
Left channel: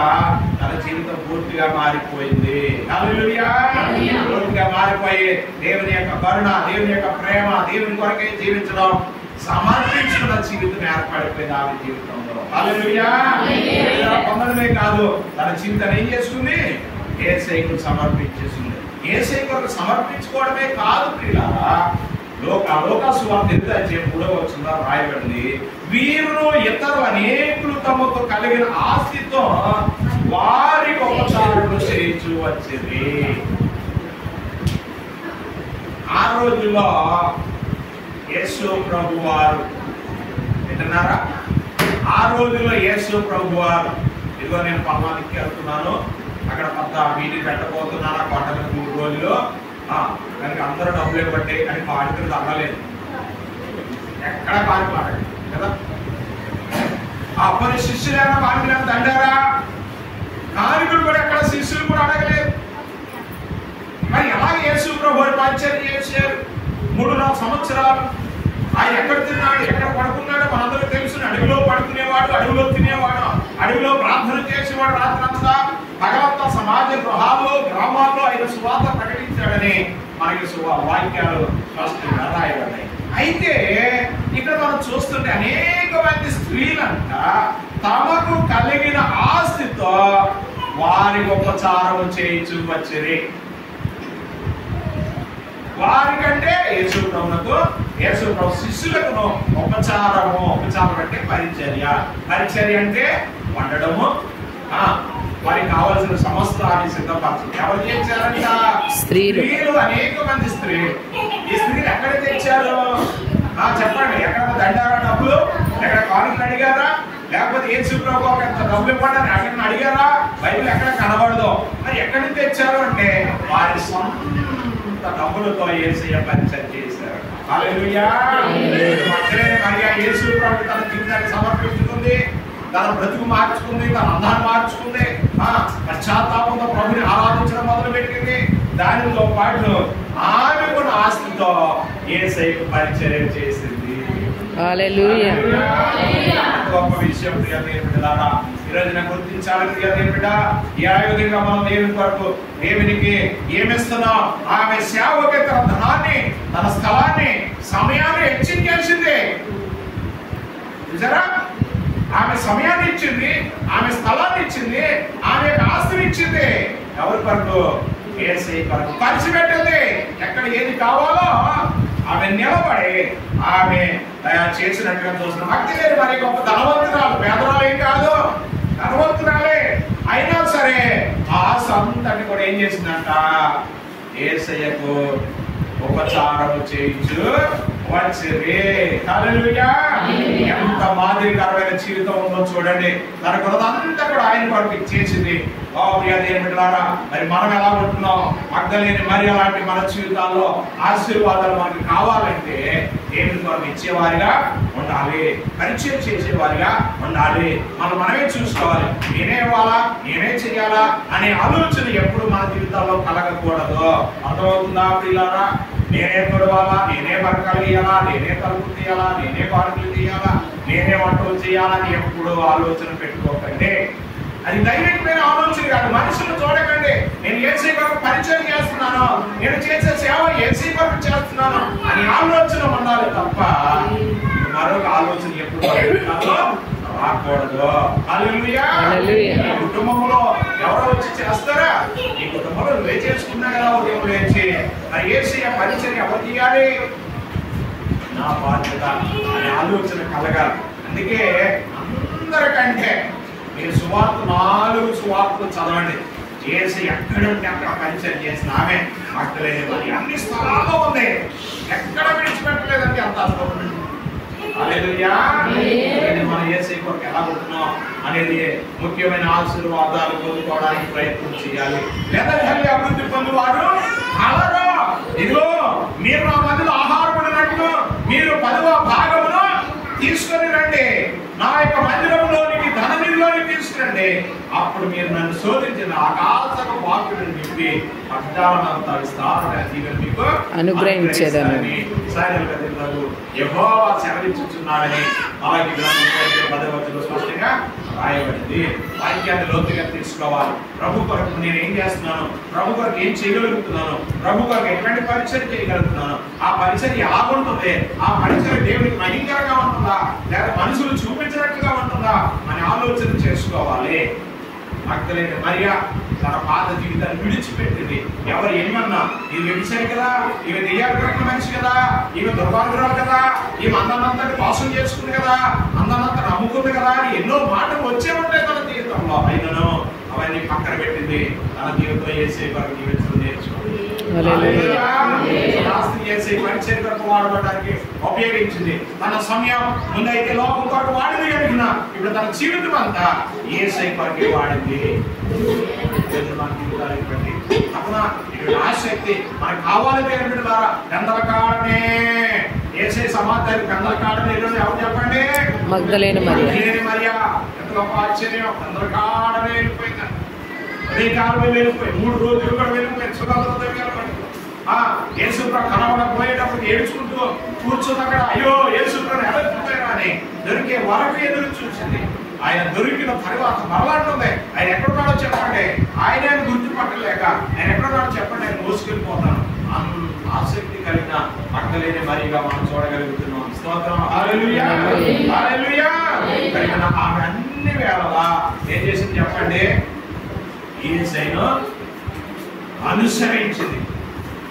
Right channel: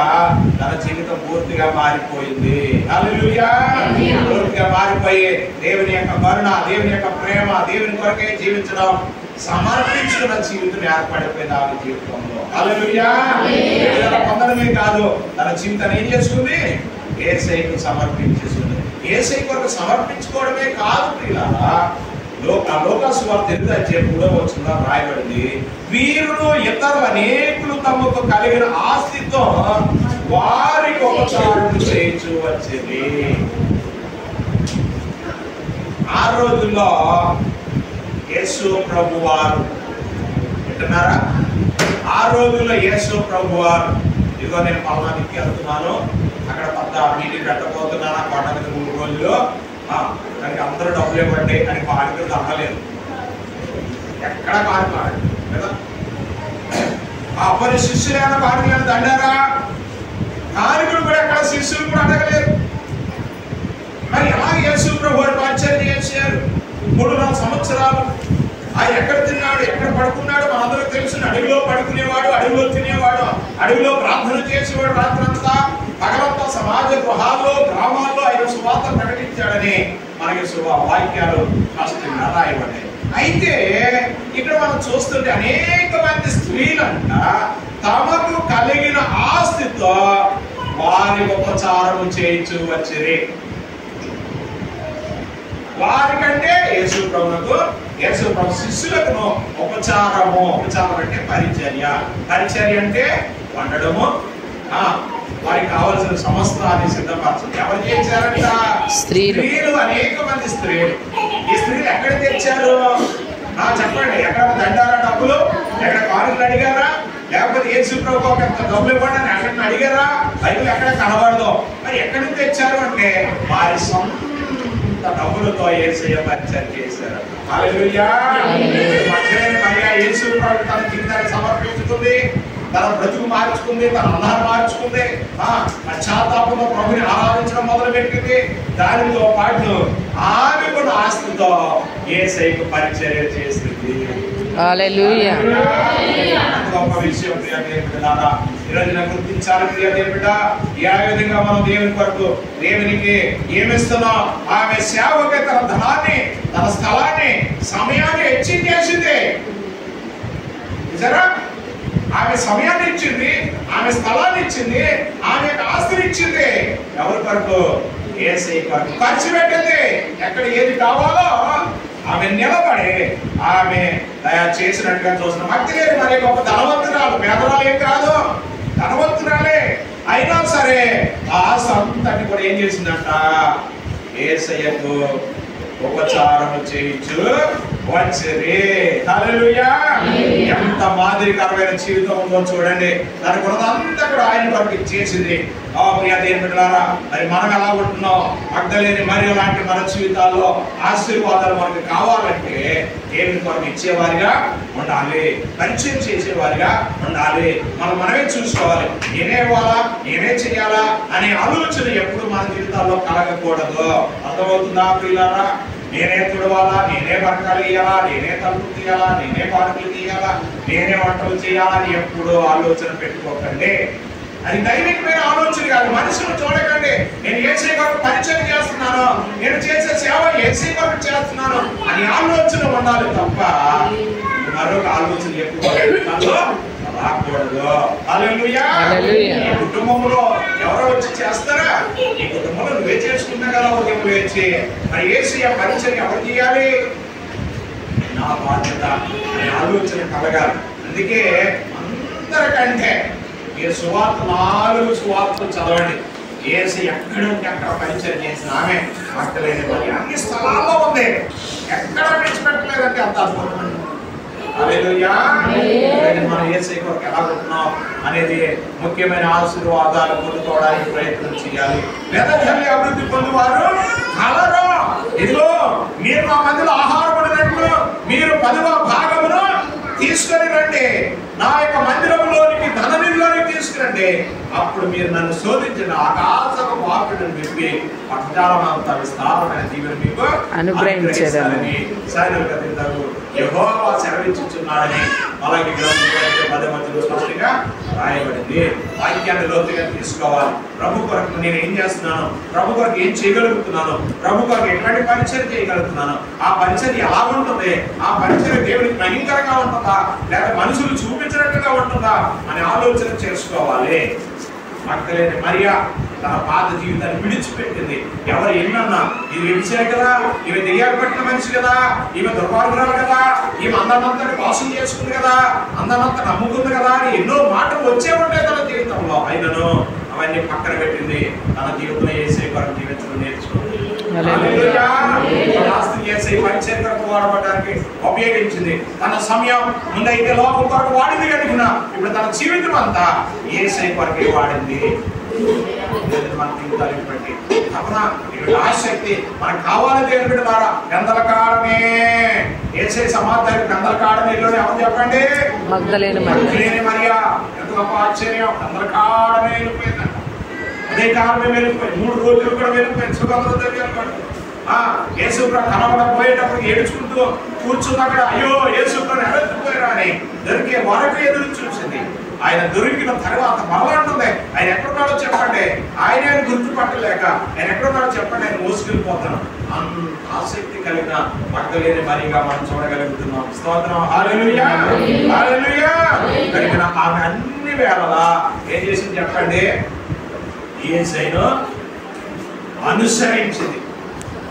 తన జీవితం పూర్తిగా మారిపోయింది. హల్లెలూయా. పూర్తిగా మారిపోయి దేవుని యొక్క కరుణ, దేవుని యొక్క ప్రేమ, దేవుని కొరకే జీవించడం, సమర్పించుకున్న జీవితం ఏర్పడిపోయింది ఆమె జీవితంలో. హల్లెలూయా. పొందడమే కాదు, తన జీవితాన్ని ఏం చేసుకుంది? యేసయ్యకు సమర్పించేసింది. యేసయ్య కొరకు సమర్పించుకోవడమే కాదు ప్రియులారా, లోకాసు వార్త 8:3 రాయబడింది, వీరును ఇతరులు అనేకులు తమకు కలిగిన ఆస్తితో వారికి ఉపచారములు చేయించు వచ్చింది. ఆ రోజుల్లో యేసు ప్రభువారు వింటున్నారా? ఆ రోజుల్లో యేసు ప్రభువారు, ఇదిగో నేను పల్నానికి వెళ్తున్నాను, అక్కడ పెద్ద మీటింగ్ పెట్టబోతున్నాను, ఆ కొండ మీద 3 రోజులు, దానికి అందరూ డబ్బులు ఇవ్వండి అని కానుకలు అనలేదు. ఎక్కడ కానుకలు ఆడండి కదా. అప్పటి శిష్యులైన కానుకలైనా దండారా? కానుకలు కూడా ఎక్కడ శిష్యులు కూడా అడగలేరు. మరి ఎలాగ యేసు ప్రభు పరిచర్య చేశారు? 3-4 సంవత్సరాలు ఆయన ఎక్కడ తిన్నాడు, ఎక్కడ పడుకున్నాడు మనందరూ తెలుసు. అడవిలో పడుకునేవాడు, అడవిలో తినేవాడు, అడవిలో ప్రార్థన చేసేవాడు. రాత్రంతా పగలంతా సమాజ గృహాల్లో, గ్రామాల్లో ఆయన సువార్త ప్రకటించాడని మనకి వాక్యాలు స్పష్టంగా రాయబడ్డాయి. అయితే ఇక్కడ మనం చూస్తుంటే అనేక మంది స్త్రీలంట తమకు కలిగిన ఆస్తితో వారి ఉపచారము చేయించు వచ్చిరి. వారికంటే యేసు ప్రభు శిష్యులకు ఉపచారం అంటే పరిచర్య అంటే వండడము, వారికి కావలసిన సమస్తాన్ని సిద్ధపరచడం. ఎవరు చేశారంట? స్త్రీలు. అనేక మంది స్త్రీలు. ఈ స్త్రీలు ఎక్కడ తెచ్చారు? చెప్పండి. ఎక్కడ దండారా డబ్బులు? ఎక్కడ కానుకలు అడిగారా? లేకపోతే యేసు ప్రభు డబ్బులు ఇవ్వండి అని ఎక్కడ అడిగారా? బైబిల్ ఎక్కడ కనబడదు. మరి ఎక్కడి నుంచి తెచ్చారు అంటే వారి సొంత డబ్బులతో యేసయ్య పరిచర్య చేశారు. హల్లెలూయా. మరియా యేసు ప్రభు తన జీవితాన్ని సమర్పించుకుంది, తన బ్రతుకు మార్చుకుంది, తన అన్నాన్ని మార్చుకుంది, పశ్చాత్తాపంతో ప్రభుని ఆరాధించడం మొదలుపెట్టింది. దానితో పాటు ఆమె కూడా ఆస్తితో యేసయ్యకు పరిచర్య చేసింది. హల్లెలూయా. గొప్ప విషయం ప్రియమైన ఈరోజు గుర్తించాలి ప్రియమైన బిడ్డ. ఏ విధంగా మనం దేవుని కొరకు దేవునికి ఏమిస్తున్నాం? ఆమె సేవకి తన ధనాన్ని, తన స్థలాన్ని, సమయాన్ని హెచ్చించేసింది. చూసారా? ఆమె సమయాన్ని ఇచ్చింది, ఆమె స్థలాన్ని ఇచ్చింది, ఆమె ఆస్తిని ఇచ్చింది. ఎవరి కొరకు? యేసయ్య కొరకు ఖర్చు పెట్టింది. ఎక్కడ ఏది కావాలో ఆమె నిలబడి ఆమె చేసినట్టుగా చూస్తున్నాం. భక్తి లేదు, మరి గొప్ప ధనవంతురాలు, పేదరాలు ఏం కాదు, ధనవంతురాలే. అయినా సరే ఆ ఆస్తి అంతటి కూడా ఏం చేసిందంట? యేసయ్యకు ఉపచారము చేయించు వచ్చిరి. హల్లెలూయా. ఎంత మాదిరికరమైన జీవితం ఉందో చూడండి. తనకున్నదంతా కూడా ఆయన కొరకు ఇచ్చేసింది. ప్రియ దేవుని బిడ్డలారా, మరి మనం ఎలా ఉంటున్నాం? మగ్దలేని మరి అలాంటి మన జీవితాల్లో ఆశీర్వాదాలు మనకు కావాలంటే దేవుని కొరకు ఇచ్చేవారిగా ఉండాలి, పరిచయం చేసేవారిగా ఉండాలి. మనమే చూసుకోవాలి. నేనే ఇవ్వాలా, నేనే చెయ్యాలా అనే ఆలోచన ఎప్పుడు మన జీవితాల్లో కలగకూడదు. అర్థమవుతుందా ప్రియులారా? నేనే తుడవాలా, నేనే బరకాలు ఇయ్యాలా, నేనే తలుపులు తీయాలా, నేనే పాడుకులు తీయాలా, నేనే వంటలు చేయాలని ఎప్పుడు ఆలోచన పెట్టుకోకండి. అది దైవికమైన ఆలోచన కాదు. మనుషులు చూడకండి, నేను ఏసీ కొరకు పరిచయం చేస్తున్నాను, నేను చేసే సేవ ఏసీ కొరకు చేస్తున్నాను అని ఆలోచన ఉండాలి తప్ప మరొక ఆలోచన ఎప్పుడు రాకూడదు. హల్లెలూయా. ఈ కుటుంబంలో ఎవరో వచ్చి చేస్తారా? ఈ కుటుంబంలో నువ్వే చేసుకున్నా కదా ఉదయం లేచి. మరి యేసయ్య పరిచయం ఎవరు చేయాలి? నా బాధ్యత అనే ఆలోచన కలగాలి. అందుకే అందరికంటే మీరు సువార్త 4 సువార్తలు చదవండి. యేసయ్య ఎక్కడంటే అక్కడ పరిచయం చేసిన ఆమె మగ్దలేనే మరి అన్ని స్థలాల్లో ఉంది, ఎక్కడ విడిచిపెట్టలేదంటే అంత అద్భుతం. హల్లెలూయా. మన యేసయ్య కొరకు ఎలా ఉంటున్నాం అనేది ముఖ్యమైన ఆశీర్వాదాలు పొందుకోవడానికి ప్రయత్నం చేయాలి. వేదనల్లి అభివృద్ధి పొందువారు కలరు. ఇదిగో మీరు నా మధ్యలో ఆహారం ఉన్నట్లు మీరు 10వ భాగమును తీసుకొని రండి, నా యొక్క మందిరంలోనికి ధన నిధిలోనికి తీసుకురండి, అప్పుడు మీరు నన్ను శోధించిన ఆకాశపు వాక్కులను విప్పి పట్టణమంతా విస్తారమైన దీవెన మీకు అనుగ్రహించేదనని సైనికులు కదిలితారు యెహోవా సెలవిచ్చుచున్నాడని అలాగే గ్రంథంలో 10వ స్పష్టంగా రాయబడింది. వాక్యాన్ని లోతుగా తీసుకోవాలి. ప్రభు కొరకు నేను ఏం చేస్తున్నాను, ప్రభు కొరకు ఏం చేయగలుగుతున్నాను, ప్రభు కొరకు ఎటువంటి పరిచయం చేయగలుగుతున్నాను, ఆ పరిచయం ఎలా ఉంటుంది, ఆ పరిచయం దేవునికి భయంకరంగా ఉంటుందా లేక మనుషులు చూపించినట్టుగా ఉంటుందా అని ఆలోచన చేసుకోవాలి. మగ్దలేనే మరియా తన పాత జీవితాన్ని విడిచిపెట్టింది. ఎవరు ఎన్నన్నా ఇది విడిచారు కదా, ఈమె దెయ్యాలు పెట్టిన మనిషి కదా, ఈమె దుర్మార్గురాలు కదా, ఈమె అందనంతటి మోసం చేసుకుంది కదా, అందనంత నమ్ముకుంది కదా అని ఎన్నో మాటలు వచ్చే ఉంటాయి తన జీవితంలో. అయినను అవన్నీ పక్కన పెట్టింది. తన జీవితంలో యేసయ్య కొరకు జీవించడం నేర్చుకుంది. పరిచయం కొరకు వాడబడడానికి ఉపయోగించింది. తన సమయం ముందైతే లోకం కొరకు వాడింది కనుక ఇప్పుడు తన జీవితం అంతా యేసయ్య కొరకే వాడింది. మన జీవితాలు ఇవ్వండి తప్పన ఆసక్తి మనకు కావాలి దేవుని బిడ్డలారా. పెందల కాడమే యేసయ్య సమాధానం పెందల కాడమే ఇల్లు ఎవరు చెప్పండి? మగ్దలేనే మరియా. ఎంత గొప్ప ఆశ్చర్యం! పెందల కాడమే వెళ్ళిపోయిందంట. అదే కాలమే వెళ్ళిపోయి 3 రోజులు కూడా వెళ్ళిపోయింది. సుగంధం దగ్గర యేసు కనబడపోయేటప్పుడు ఏడుచుకుంటూ కూర్చుని అక్కడ అయ్యో యేసు ఎడకపోయారా అని దొరికే వరకు ఎదురు చూసింది. ఆయన దొరికిన తర్వాత మరలాంటుంది ఆయన ఎక్కడున్నాడో చెప్పండి, ఆయన గుర్తుపట్టలేక ఆయన ఎక్కడున్నాడో చెప్పండి, ఆయన మోసుకెళ్ళిపోతాను. ఆసక్తి కలిగిన మగ్దలేనే మరియగా మనం చూడగలుగుతున్నాం. స్తోత్రం. హల్లెలూయా. హల్లెలూయా. కలిగిన ఆమె అన్ని వేళలా ఏం చేసింది చెప్పండి? యేసయ్యను అనుసరించింది.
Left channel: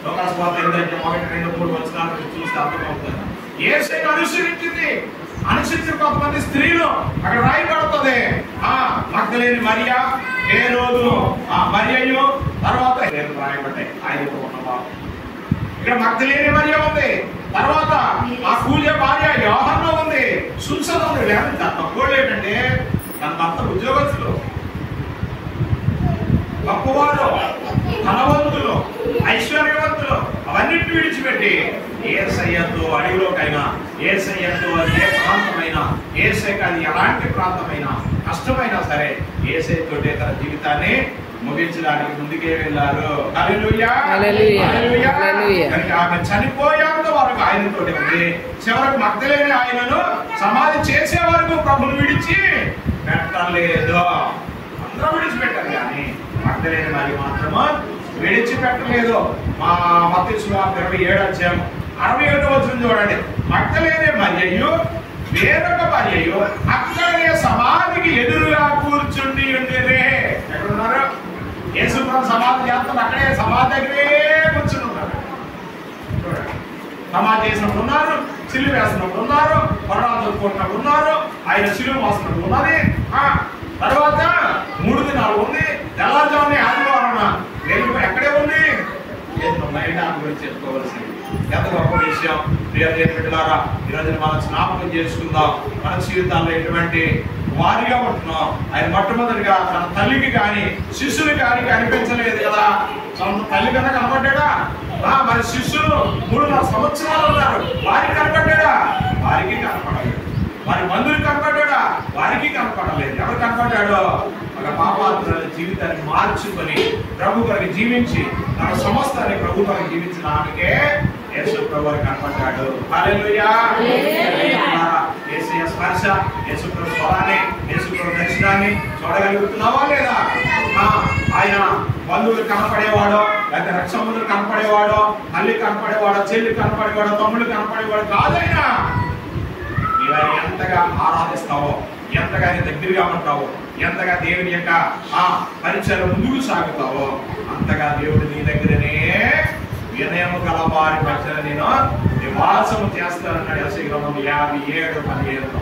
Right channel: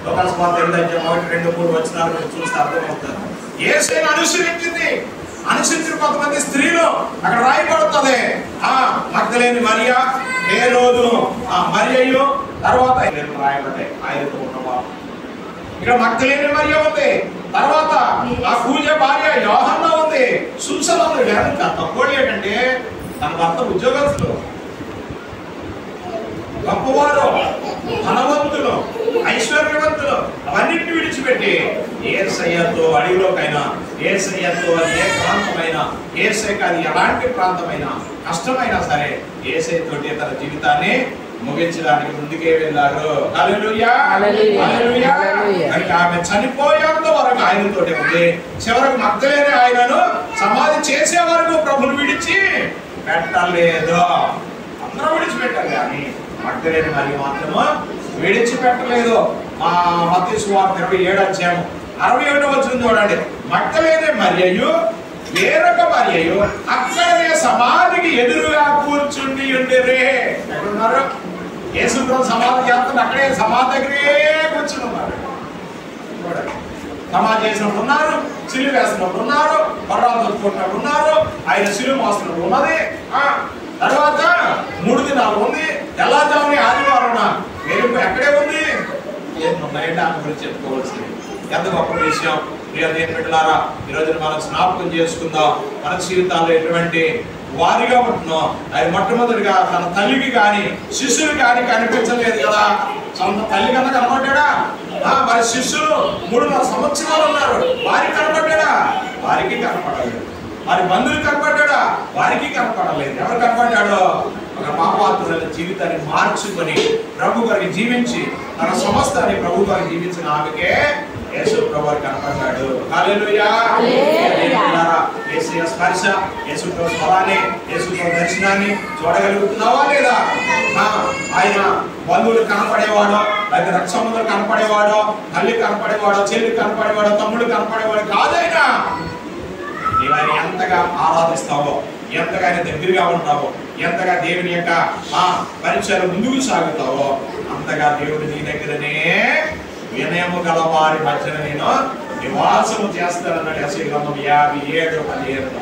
లోకాసువార్త 8:1-2-3 వచనాలు చూస్తే అర్థమవుతుంది. యేసయ్యను అనుసరించింది. అనుసరించిన కొంతమంది స్త్రీలు అక్కడ రాయబడుతుంది. మగ్దలేనే మరియా, హేరోదు మరియయ్యు, తర్వాత రాయబడ్డాయి 5తో ఉన్నవారు. ఇక్కడ మగ్దలేనే మరియా ఉంది, తర్వాత ఆ కూలే భార్య యోహన్నా ఉంది, సూసన ఉంది. తక్కువ ఏంటంటే తన భర్త ఉద్యోగస్తులు, గొప్పవారు, ధనవంతులు, ఐశ్వర్యవంతులు అవన్నిటిని విడిచిపెట్టి యేసయ్యతో అడవిలోకైనా, యేసయ్యతో అది ఏ ప్రాంతమైనా, యేసయ్యకి అది ఎలాంటి ప్రాంతమైనా కష్టమైనా సరే యేసయ్యతోటే తన జీవితాన్ని ముగించడానికి ముందుకే వెళ్ళారు. హల్లెలూయా. హల్లెలూయా. కనుక ఆమె చనిపోయేంత వరకు ఆయనతోటే ఉంది. చివరకు మగ్దలేనే ఆయనను సమాధి చేసే వరకు ప్రభుని విడిచి పెట్టలేదు. అందరూ విడిచిపెట్టారు కానీ మగ్దలేనే మరియ మాత్రము విడిచిపెట్టలేదు. మత్తయి సువార్త 27:67 చూడండి. మగ్దలేనే మరియయు వేరొక మరియయు అక్కడనే సమాధికి ఎదురుగా కూర్చుండి ఉండిరే. ఎక్కడున్నారు? యేసు ప్రభు సమాధి చేస్తున్న అక్కడే సమాధి దగ్గరే కూర్చుని ఉన్నారు. చూడండి, సమాధి చేసినప్పుడు ఉన్నారు, సిలువ వేసినప్పుడు ఉన్నారు, పర్రాలు తొక్కున్నప్పుడు ఉన్నారు, ఆయన సిలువ మోస్తున్నప్పుడు ఉన్నది. తర్వాత 3 దినాలు ఉంది, తెల్లవారుజామున ఆదివారం వెలుగు ఎక్కడే ఉంది. ఉన్నాయంటే ఆమె గురించి చెప్పుకోవాల్సింది ఎంత గొప్ప విషయం. ప్రియ దేవుని బిడ్డలారా, ఈరోజు మనం జ్ఞాపకం చేసుకుందాం. మన జీవితాల్లో ఎటువంటి వారిగా ఉంటున్నాం. ఆయన మొట్టమొదటిగా తన తల్లికి కానీ శిష్యులు కానీ కనిపించలేదు కదా. సొంత తల్లి కన్నా కనపడ్డా? మరి శిష్యులు 3.5 సంవత్సరాలు ఉన్నారు, వారికి కనపడ్డా? వారికి కనపడలేదు. వారి బంధువులు కనపడ్డా? వారికి కనపడలేదు. ఎవరు కనపడ్డాడో? ఒక పాపాత్ముల జీవితాన్ని మార్చుకొని ప్రభు గారికి జీవించి తన సమస్తాన్ని ప్రభు గారికి జీవించిన ఆమెకే యేసు ప్రభు కనపడ్డాడు. హల్లెలూయా. యేసయ్య స్పర్శ, యేసుప్రభు స్వరాన్ని, యేసుప్రభు దర్శనాన్ని చూడగలుగుతున్నావా లేదా? ఆయన బంధువులు కనపడేవాడో, లేకపోతే రక్షములు కనపడేవాడో, తల్లి కనపడేవాడో, చెల్లి కనపడేవాడో, తమ్ముడు కనపడేవాడు కాదైనా. నీవు ఆయన ఎంతగా ఆరాధిస్తావో, ఎంతగా ఆయన దగ్గరగా ఉంటావో, ఎంతగా దేవుని యొక్క పరిచయాలు ముందుకు సాగుతావో, అంతగా దేవుడు నీ దగ్గరనే వినయము గల వారి మధ్యన నేను నివాసము చేస్తానన్నాడు యెషయా గ్రంథం 57:15.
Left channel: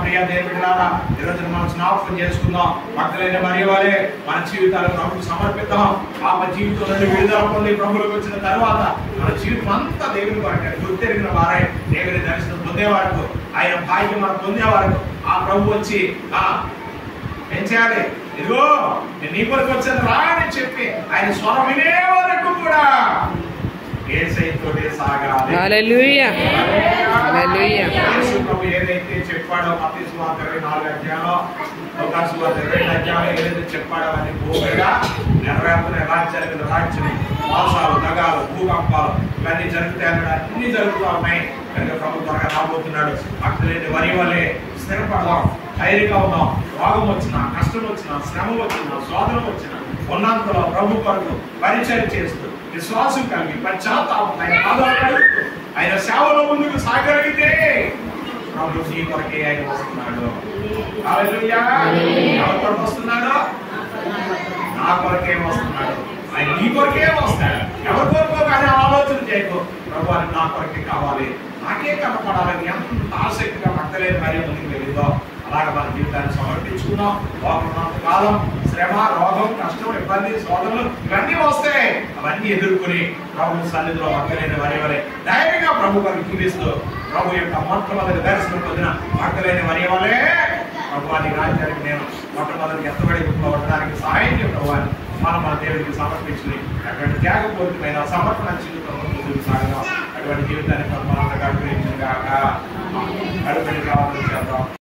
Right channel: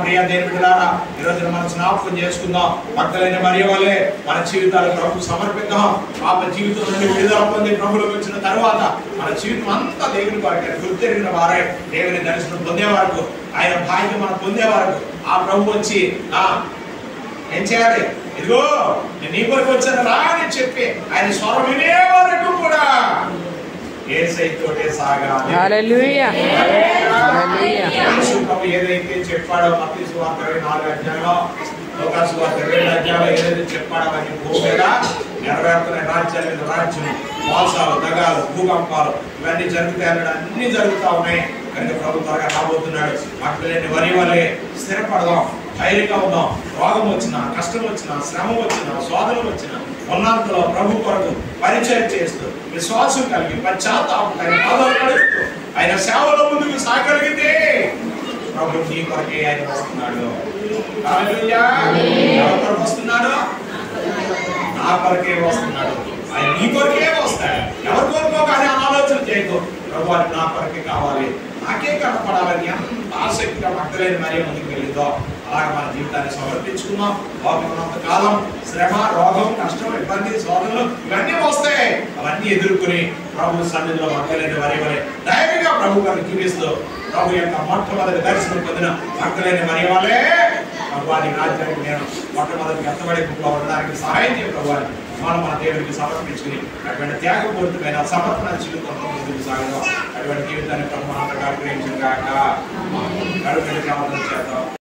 ప్రియ దేవుని బిడ్డలారా, ఈరోజు మనం జ్ఞాపకం చేసుకుందాం. భక్తులైన మరియ వలె మన జీవితాలు ప్రభుకు సమర్పిద్దాం. పాప జీవితం నుండి విడుదల పొంది ప్రభువులకు వచ్చిన తరువాత మన జీవితం అంతా దేవుని కొరకే. గుర్తెరిగిన వారే దేవుని దర్శనం పొందే వరకు, ఆయన భాగ్యం మనం పొందే వరకు ఆ ప్రభు వచ్చి ఏం చేయాలి? ఇదిగో నేను నీ కొరకు వచ్చాను రా అని చెప్పి ఆయన స్వరం వినే వరకు కూడా యేసయ్యతోటే సాగాలి. హల్లెలూయా. హల్లెలూయా. యేసు ప్రభు ఏదైతే చెప్పాడో మత్తయి సువార్త 24 లూకా సువార్త 2 ఏదైతే చెప్పాడో అది పూర్తిగా నెరవేరుతున్న రాజ్యాల మీద రాజ్యం, మోసాలు, దగాలు, భూకంపాలు ఇవన్నీ జరుగుతాయని అన్ని జరుగుతూ ఉన్నాయి. కనుక ప్రభు త్వరగా రాబోతున్నాడు. భక్తులైన వరి వలె స్థిరపడదాం, ధైర్యంగా ఉందాం. రోగం వచ్చినా, కష్టం వచ్చినా, శ్రమ వచ్చినా, శోధన వచ్చినా ఉన్నంతలో ప్రభు కొరకు పరిచయం చేస్తూ విశ్వాసం కలిగి పశ్చాత్తాపం ఆయన పాదాలు కడుగుతూ ఆయన సేవలో ముందుకు సాగలిగితే ప్రభు నీ కొరకే ఆయన వస్తున్నాడు. హల్లెలూయా. ఎవరి కొరకు వస్తున్నాడు? నా కొరకే వస్తున్నాడు. ఆయన నీ కొరకే వస్తాడు. ఎవరి కొరకో కానీ ఆలోచన చేయకు. ప్రభు అని నా కొరకే కావాలి, నాకే కనపడాలని ఎంత ఆసక్తిగా భక్తులైన మరియ ముందుకు వెళ్ళిందో అలాగే మన జీవితాన్ని సమర్పించుకున్నాం. లోకమంత కాలం శ్రమ, రోగం, కష్టం, ఇబ్బంది, శోధనలు ఇవన్నీ వస్తాయి. అవన్నీ ఎదుర్కొని ప్రభు సన్నిధిలో భక్తులైన వరి ధైర్యంగా ప్రభు గారిని జీవిస్తూ ప్రభు యొక్క మొట్టమొదటి దర్శనం పొందిన భక్తులైన వరి వలే ప్రభు వారి రాజ్యానికి నేను మొట్టమొదటి ఎత్తబడి ఉండడానికి సహాయం చేయ ప్రభు అని మన దేవుడికి సమర్పించుకుని అటువంటి త్యాగపూరితమైన సమర్పణ జీవితంలో ముందుకు సాగడం. అటువంటి జీవితాన్ని ప్రభు మనందరికీ అనుగ్రహించుగాక. గడుపెట్టి కావాలని చేద్దాం.